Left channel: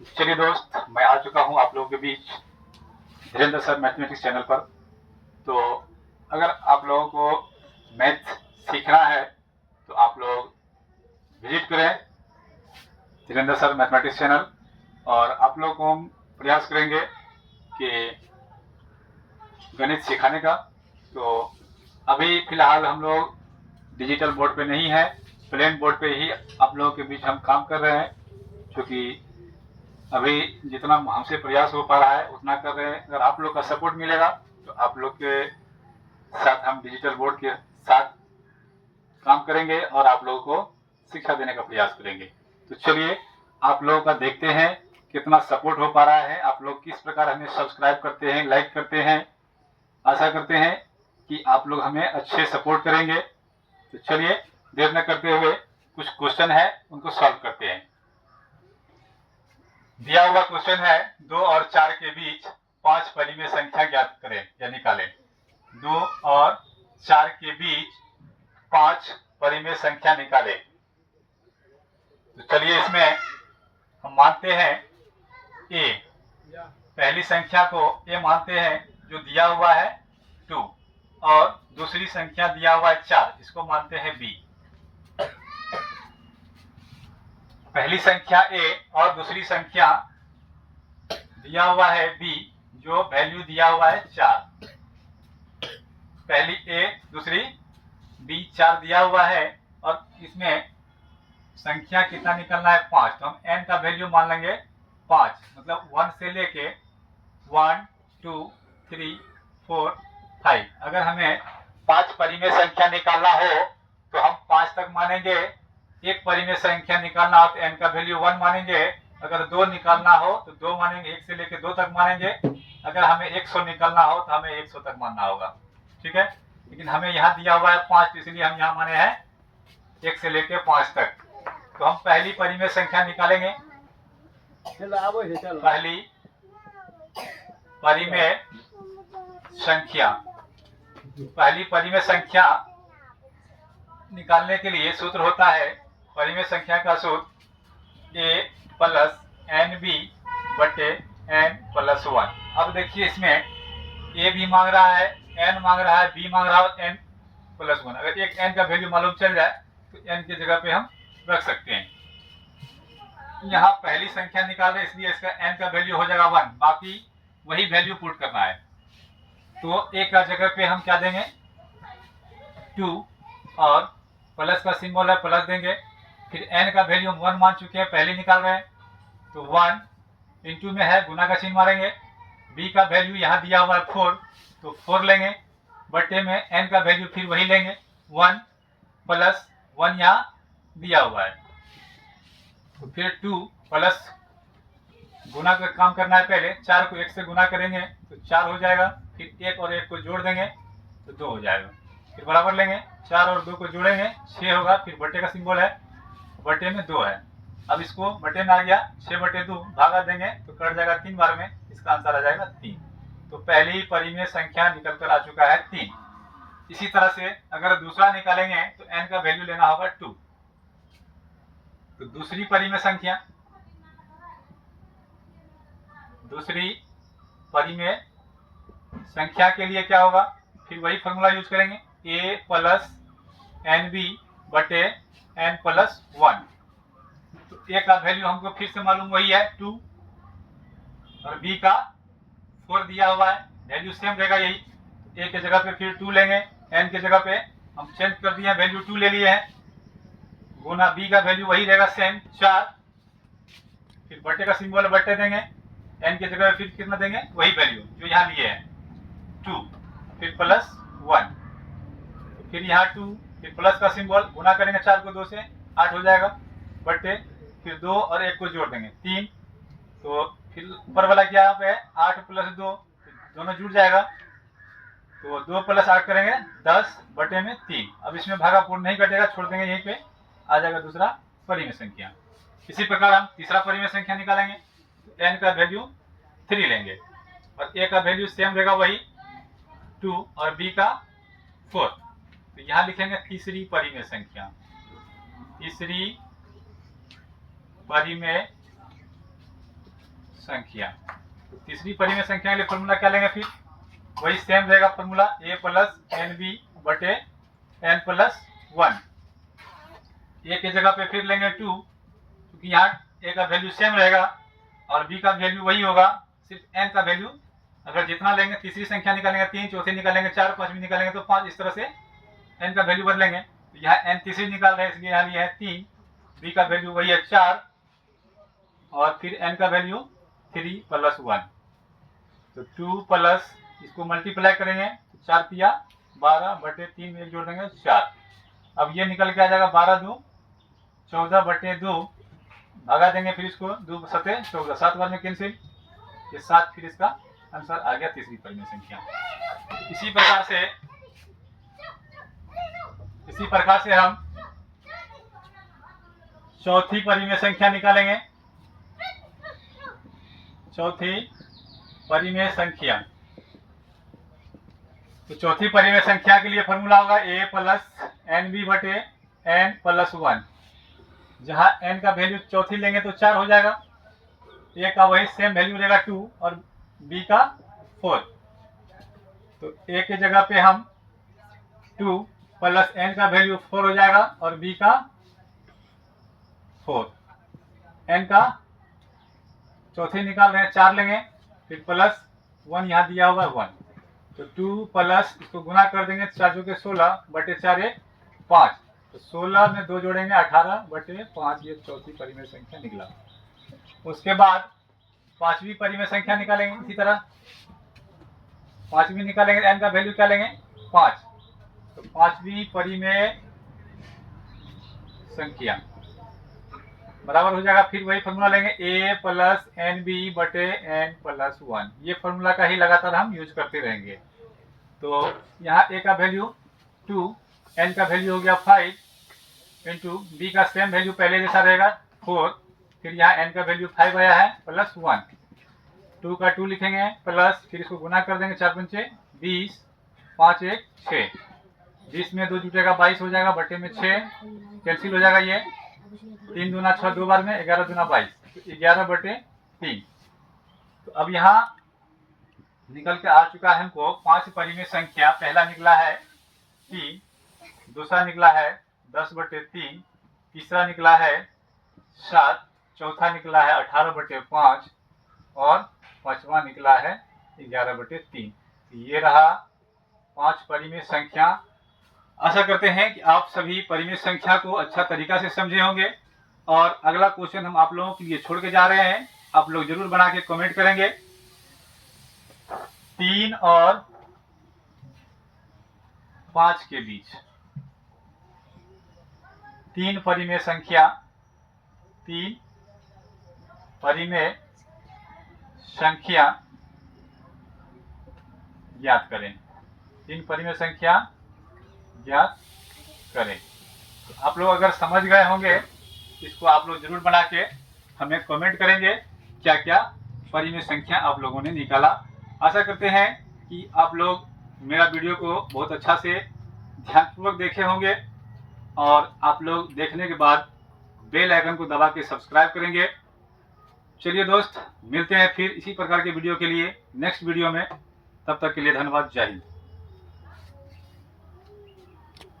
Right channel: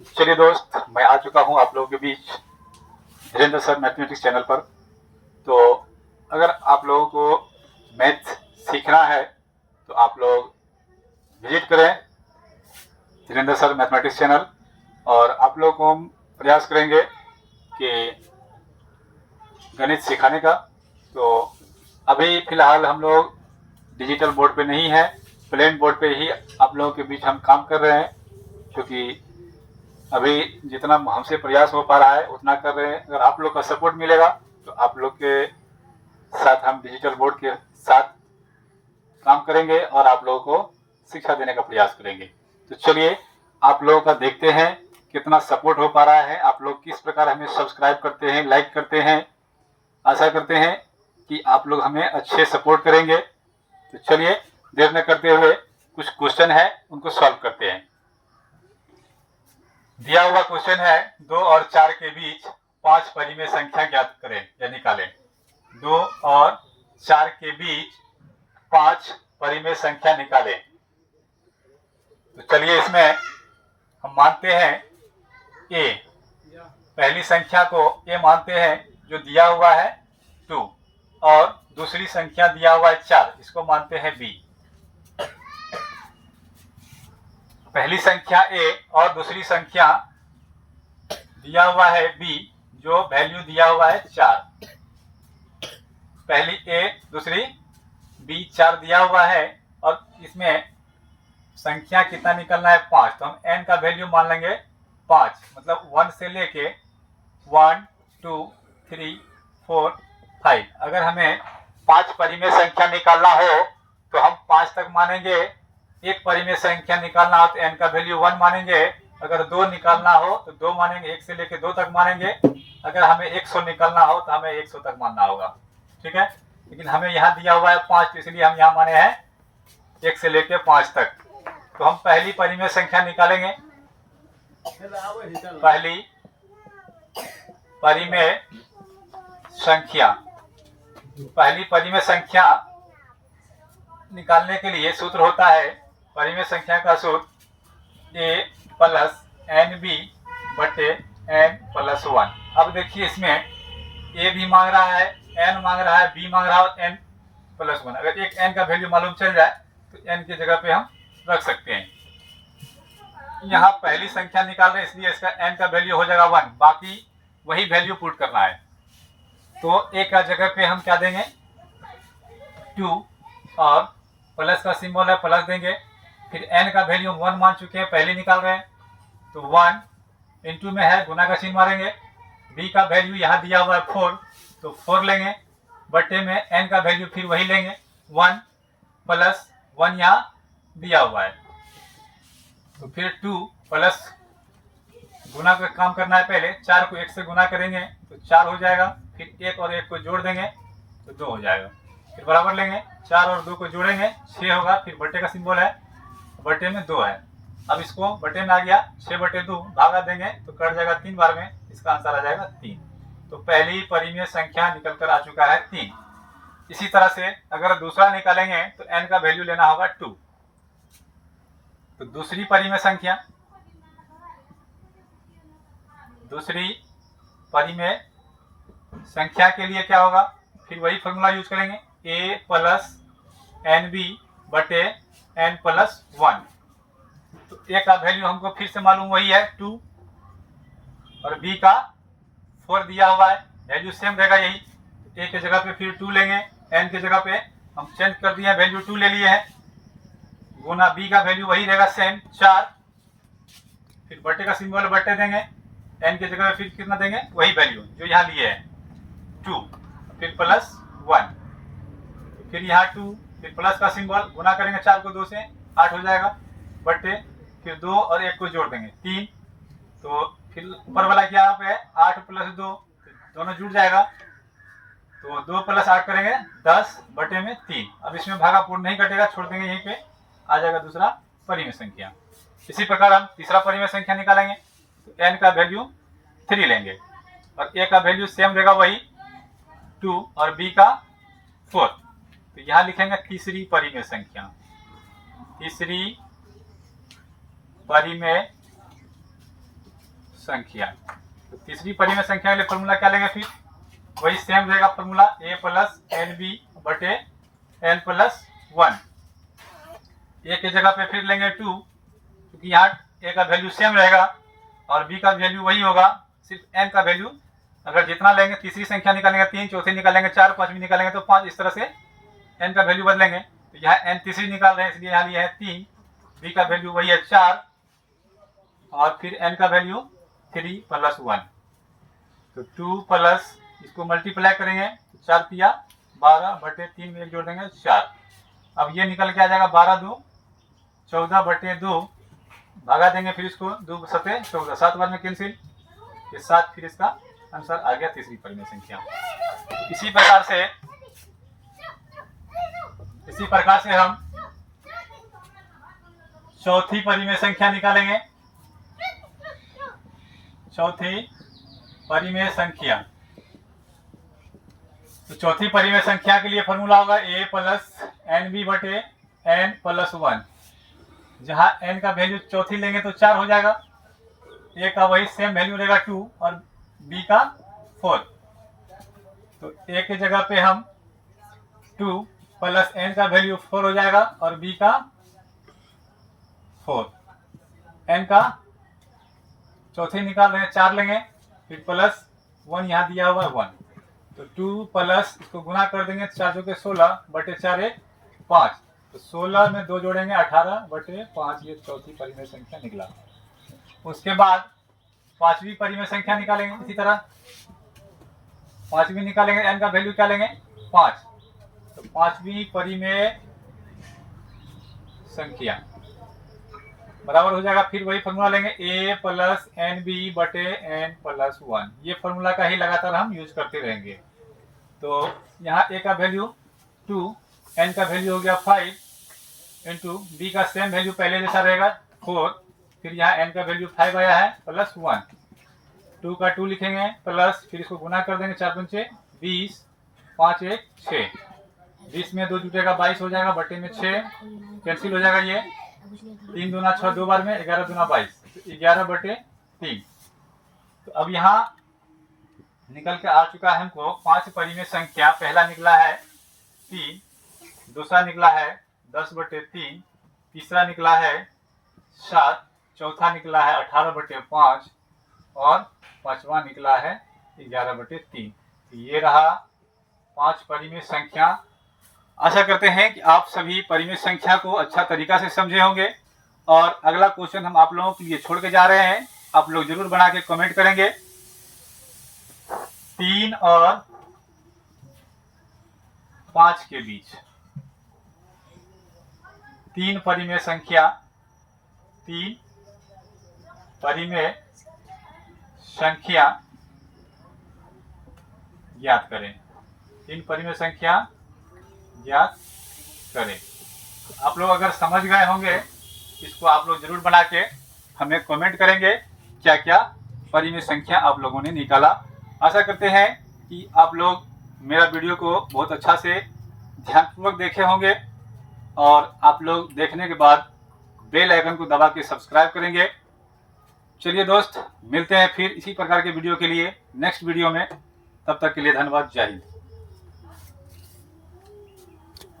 चलिए दोस्त, मैं आ चुका हूँ आप लोगों के बीच धीरेन्द्र सर मैथमेटिक्स चैनल पर। तो अगर आप लोगों को मैथ सीखना है तो आप लोग विजिट करें धीरेन्द्र सर मैथमेटिक्स चैनल, और आप लोगों को हम प्रयास करेंगे कि गणित सिखाने का। तो अभी फ़िलहाल हम लोग डिजिटल बोर्ड पे नहीं है, प्लेन बोर्ड पे ही आप लोगों के बीच हम काम कर रहे हैं, क्योंकि अभी जितना हमसे प्रयास हो पा रहा है उतना कर रहे हैं। अगर आप लोग का सपोर्ट मिलेगा तो आप लोग के साथ हम डिजिटल बोर्ड के साथ काम करेंगे और आप लोगों को शिक्षा देने का प्रयास करेंगे। तो चलिए आप लोगों का देखते हैं कितना सपोर्ट हो पा रहा है, आप लोग किस प्रकार हमें सब्सक्राइब करते हैं, लाइक करते हैं। आशा करते हैं कि आप लोग हमें अच्छे सपोर्ट करेंगे। तो चलिए देर न करते हुए कुछ क्वेश्चन है उनको सॉल्व करते हैं। दिया हुआ क्वेश्चन है 2 और 4 के बीच 5 परिमेय संख्या ज्ञात करें या निकालें। 2 और 4 के बीच 5 परिमेय संख्या निकालें। तो चलिए इसमें हम मानते हैं ए, पहली संख्या को ए मानते हैं जो दिया हुआ है 2, और दूसरी संख्या दिया हुआ है 4, इसको मानते हैं बी। पहली संख्या ए और दूसरी संख्या दिया हुआ है बी, जो वैल्यू दिया हुआ है 4। पहली ए दूसरी बी, 4 दिया हुआ है, और इसमें संख्या कितना निकलना है 5। तो हम n का वैल्यू मान लेंगे 5, मतलब 1 से लेके 1 2 3 4 5। अगर हमें 5 परिमेय संख्या निकालना हो तो हम 5 तक मानेंगे। एक परिमेय संख्या निकालना हो तो n का वैल्यू 1 मानेंगे। अगर 2 निकालना हो तो 2 मानेंगे, 1 से लेके 2 तक मानेंगे। अगर हमें 100 निकालना हो तो हमें 100 तक मानना होगा, ठीक है। लेकिन हमें यहाँ दिया हुआ है 5, इसलिए हम यहाँ माने हैं 1 से लेके 5 तक। तो हम पहली परिमेय संख्या निकालेंगे। पहली परिमेय संख्या निकालने के लिए सूत्र होता है, परिमेय संख्या का सूत्र a प्लस एन बी बटे एन प्लस 1। अब देखिए इसमें a भी मांग रहा है, n मांग रहा है, b मांग रहा है, n प्लस 1। अगर एक n का वैल्यू मालूम चल जाए तो n की जगह पे हम रख सकते हैं। यहाँ पहली संख्या निकाल रहे हैं इसलिए इसका n का वैल्यू हो जाएगा 1, बाकी वही वैल्यू पुट करना है। तो a का जगह पे हम क्या देंगे 2, और प्लस का सिंबल है प्लस देंगे। फिर n का वैल्यू 1 मान चुके हैं, पहले निकाल रहे हैं, तो 1 इंटू में है, गुना का चिन्ह मारेंगे। b का वैल्यू यहाँ दिया हुआ है 4, तो 4 लेंगे, बटे में n का वैल्यू फिर वही लेंगे 1 प्लस 1 यहाँ दिया हुआ है। तो फिर 2 प्लस गुना का काम करना है, पहले 4 को 1 से गुना करेंगे तो 4 हो जाएगा। फिर 1 और 1 को जोड़ देंगे तो 2 हो जाएगा। फिर बराबर लेंगे, 4 और 2 को जोड़ेंगे 6 होगा। फिर बटे का सिंबल है, बटे में 2 है। अब इसको बटे में आ गया 6 बटे 2, भागा देंगे तो कट जाएगा 3 बार में, इसका आंसर आ जाएगा 3। तो पहली परिमेय संख्या निकल कर आ चुका है 3। इसी तरह से अगर दूसरा निकालेंगे तो n का वैल्यू लेना होगा 2। तो दूसरी परिमेय संख्या के लिए क्या होगा, फिर वही फॉर्मूला यूज करेंगे, a प्लस एन बी बटे एन प्लस 1। तो a का वैल्यू हमको फिर से मालूम वही है 2, और b का 4 दिया हुआ है, वैल्यू सेम रहेगा यही। तो a के जगह पे फिर 2 लेंगे, n के जगह पे हम चेंज कर दिए, वैल्यू 2 ले लिए हैं, गुना b का वैल्यू वही रहेगा सेम 4। फिर बटे का सिंबल बटे देंगे, n की जगह फिर कितना देंगे, वही वैल्यू जो यहाँ लिए हैं 2, फिर प्लस 1, फिर यहाँ 2, फिर प्लस का सिंबल, गुना करेंगे 4 को 2 से 8 हो जाएगा, बटे फिर 2 और 1 को जोड़ देंगे 3। तो फिर ऊपर वाला क्या है 8 प्लस 2, दोनों जुड़ जाएगा। तो 2 प्लस 8 करेंगे 10 बटे में 3। अब इसमें भागा पूर्ण नहीं कटेगा, छोड़ देंगे, यहीं पे आ जाएगा दूसरा परिमेय संख्या। इसी प्रकार हम तीसरा परिमेय संख्या निकालेंगे, तो n का वैल्यू 3 लेंगे, और a का वैल्यू सेम रहेगा वही 2, और b का 4। तो यहाँ लिखेंगे तीसरी परिमेय संख्या। तीसरी परिमेय संख्या। तो तीसरी परिमेय संख्या के लिए फॉर्मूला क्या लेंगे, फिर वही सेम रहेगा formula, a plus n b बटे एन प्लस 1। ए की जगह पे फिर लेंगे 2, क्योंकि यहाँ ए का वैल्यू सेम रहेगा और बी का वैल्यू वही होगा, सिर्फ एन का वैल्यू अगर जितना लेंगे, तीसरी संख्या निकालेंगे 3, चौथी निकालेंगे 4, पांचवी निकालेंगे तो 5, इस तरह से एन का वैल्यू बदलेंगे। तो यहाँ एन तीसरी निकाल रहे हैं, इसलिए यहाँ लिया है 3, बी का वैल्यू वही है 4 और फिर एन का वैल्यू 3 प्लस 1। तो 2 प्लस इसको मल्टीप्लाई करेंगे तो 4 पिया 12 बटे 3 में एक जोड़ देंगे 4। अब ये निकल के आ जाएगा 12 2 14 बटे 2, भागा देंगे फिर इसको 2 सते 14, 7 बार में कैंसिल, ये 7 फिर इसका आंसर आ गया तीसरी परिमेय संख्या। इसी प्रकार से हम चौथी परिमेय संख्या निकालेंगे। चौथी परिमेय संख्या, तो चौथी परिमेय संख्या के लिए फॉर्मूला होगा a प्लस एन बी बटे एन प्लस 1। जहां n का वैल्यू चौथी लेंगे तो 4 हो जाएगा, a का वही सेम वैल्यू रहेगा 2 और b का 4। तो a के जगह पे हम 2 प्लस n का वैल्यू 4 हो जाएगा और b का 4। n का चौथी निकाल रहे हैं 4 लेंगे, फिर प्लस 1 यहाँ दिया हुआ है 1। तो 2 प्लस इसको गुना कर देंगे, 4 चौके 16 बटे 4 1 5। तो 16 में 2 जोड़ेंगे 18 बटे 5, ये चौथी परिमेय संख्या निकला। उसके बाद पांचवी परिमेय संख्या निकालेंगे। इसी तरह पांचवी निकालेंगे, n का वैल्यू क्या लेंगे 5। तो पांचवी परिमेय संख्या बराबर हो जाएगा, फिर वही फॉर्मूला लेंगे a प्लस एन बी बटे एन प्लस 1। ये फॉर्मूला का ही लगातार हम यूज करते रहेंगे। तो यहाँ a का वैल्यू 2, n का वैल्यू हो गया 5 इंटू b का सेम वैल्यू पहले जैसा रहेगा 4, फिर यहाँ n का वैल्यू 5 आया है प्लस 1। 2 का 2 लिखेंगे प्लस, फिर इसको गुना कर देंगे 4 पंचे 20, 5 1 6, 20 में 2 जुटेगा 22 हो जाएगा, बटे में 6 कैंसिल हो जाएगा, ये 3 दूना 6 2 बार में 11 दूना 22, तो 11 बटे 3। तो अब यहाँ निकल के आ चुका है हमको 5 परिमेय संख्या। पहला निकला है 3, दूसरा निकला है 10 बटे 3, तीसरा निकला है 7, चौथा निकला है 18 बटे 5 और पांचवा निकला है 11 बटे 3। ये रहा 5 परिमेय संख्या। आशा करते हैं कि आप सभी परिमेय संख्या को अच्छा तरीका से समझे होंगे। और अगला क्वेश्चन हम आप लोगों के लिए छोड़ के जा रहे हैं, आप लोग जरूर बना के कमेंट करेंगे। 3 और 5 के बीच 3 परिमेय संख्या, 3 परिमेय संख्या ज्ञात करें। 3 परिमेय संख्या ज्ञात करें। तो आप लोग अगर समझ गए होंगे, इसको आप लोग जरूर बना के हमें कमेंट करेंगे क्या क्या परिमेय संख्या आप लोगों ने निकाला। आशा करते हैं कि आप लोग मेरा वीडियो को बहुत अच्छा से ध्यानपूर्वक देखे होंगे और आप लोग देखने के बाद बेल आइकन को दबा के सब्सक्राइब करेंगे। चलिए दोस्त, मिलते हैं फिर इसी प्रकार के वीडियो के लिए नेक्स्ट वीडियो में। तब तक के लिए धन्यवाद। जय हिंद।